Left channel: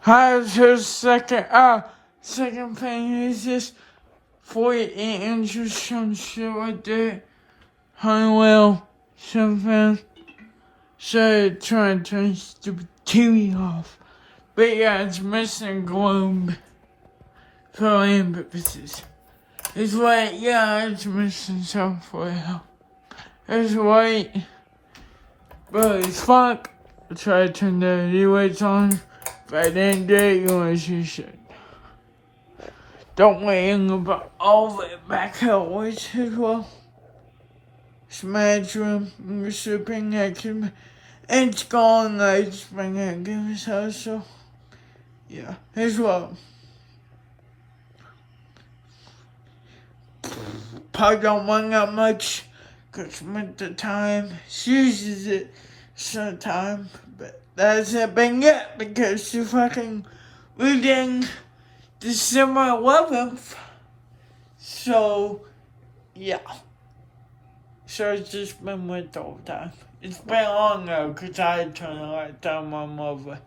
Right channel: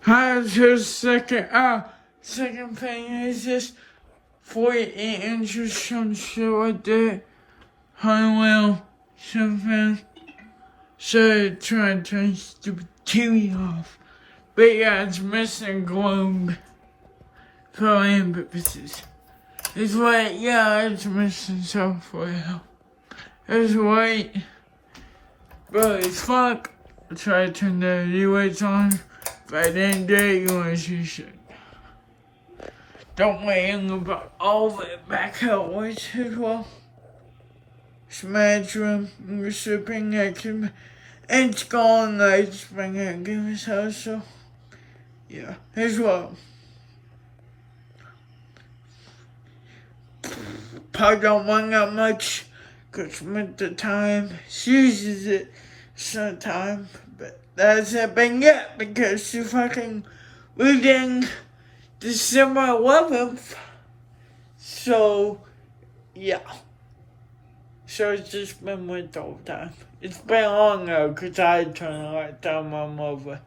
How's her second thing is just 48 inches, some shit like that. Honeywell, something. Started trying to turn stupid TV off. But yeah, it's missing a globe for land purposes. It's white, yeah, it's missing software. It's white, but it's fuck. I tried to turn the lights on. If I didn't do it, you want to see shit. Don't wait and put all of it back out which as well. Smash room, sleeping next to me. It's gone, I just bring it, give us house, so yeah, as well. Probably don't want that much, cause with the time, she uses it sometime, but that's it been yet, because she fucking reading December 11th, so yeah. So it's just been with the whole time. It's been long though, cause I turned the light down I'm over.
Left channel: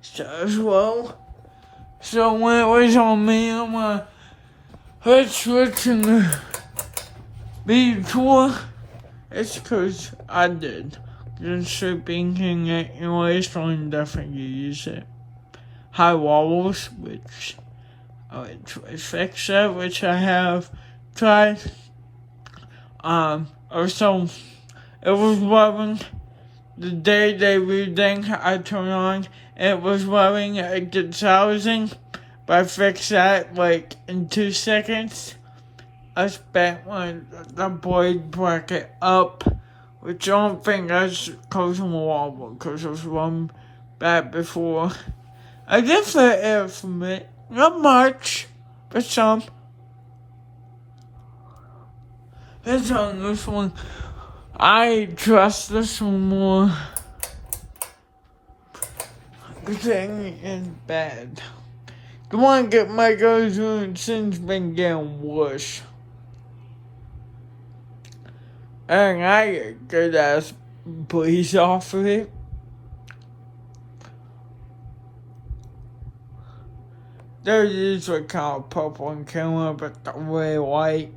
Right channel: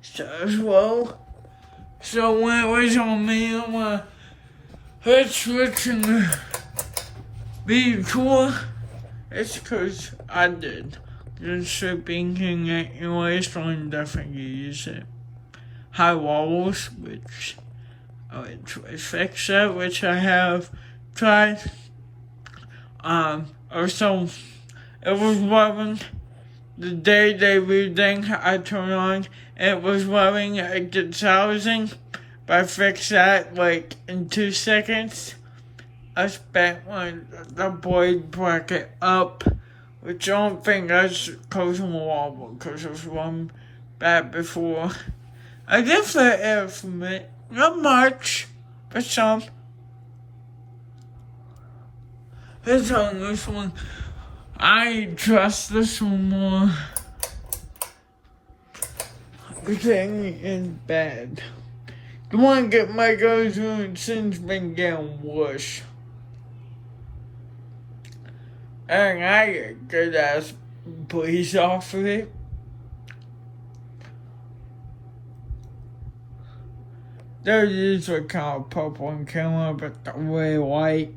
So as well. So when it was on me, I'm switching the tour. It's cause I did. Just sleeping in it anyway, so I'm definitely use it. High walls, which I would try to fix that, which I have tried. Also, it was running the day they reading, I turned on, and it was running at 1,000, but I fixed that like in 2 seconds. I spent the board bracket up, which I don't think that's causing a wobble, because it was run bad before. I did flare air from it, not much, but some. It's on this one. I trust this one more. The thing is bad. The one get my goes in since been getting worse. And I get good ass police off of it. There is a kind of purple and camera, but the way white.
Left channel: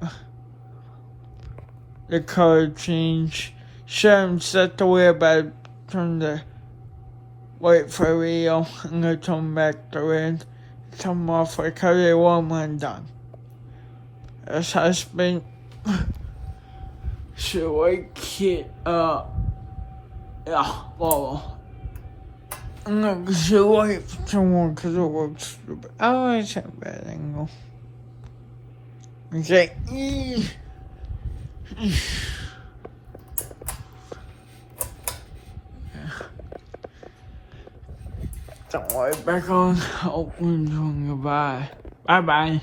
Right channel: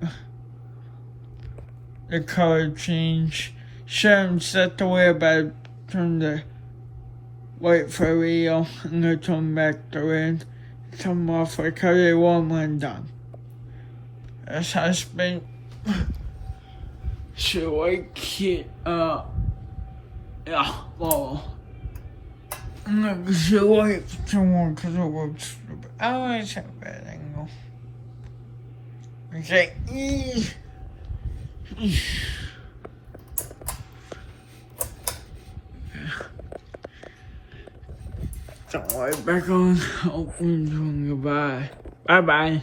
The color change. Shouldn't set the way, but turn the white for real and then turn back the red. Turn off because it wasn't done. This has been. So I can't, yeah, well, I'm not gonna say wait for someone because it works stupid. I don't say bad anymore. I say, don't worry, back on. Open, goodbye. Bye bye.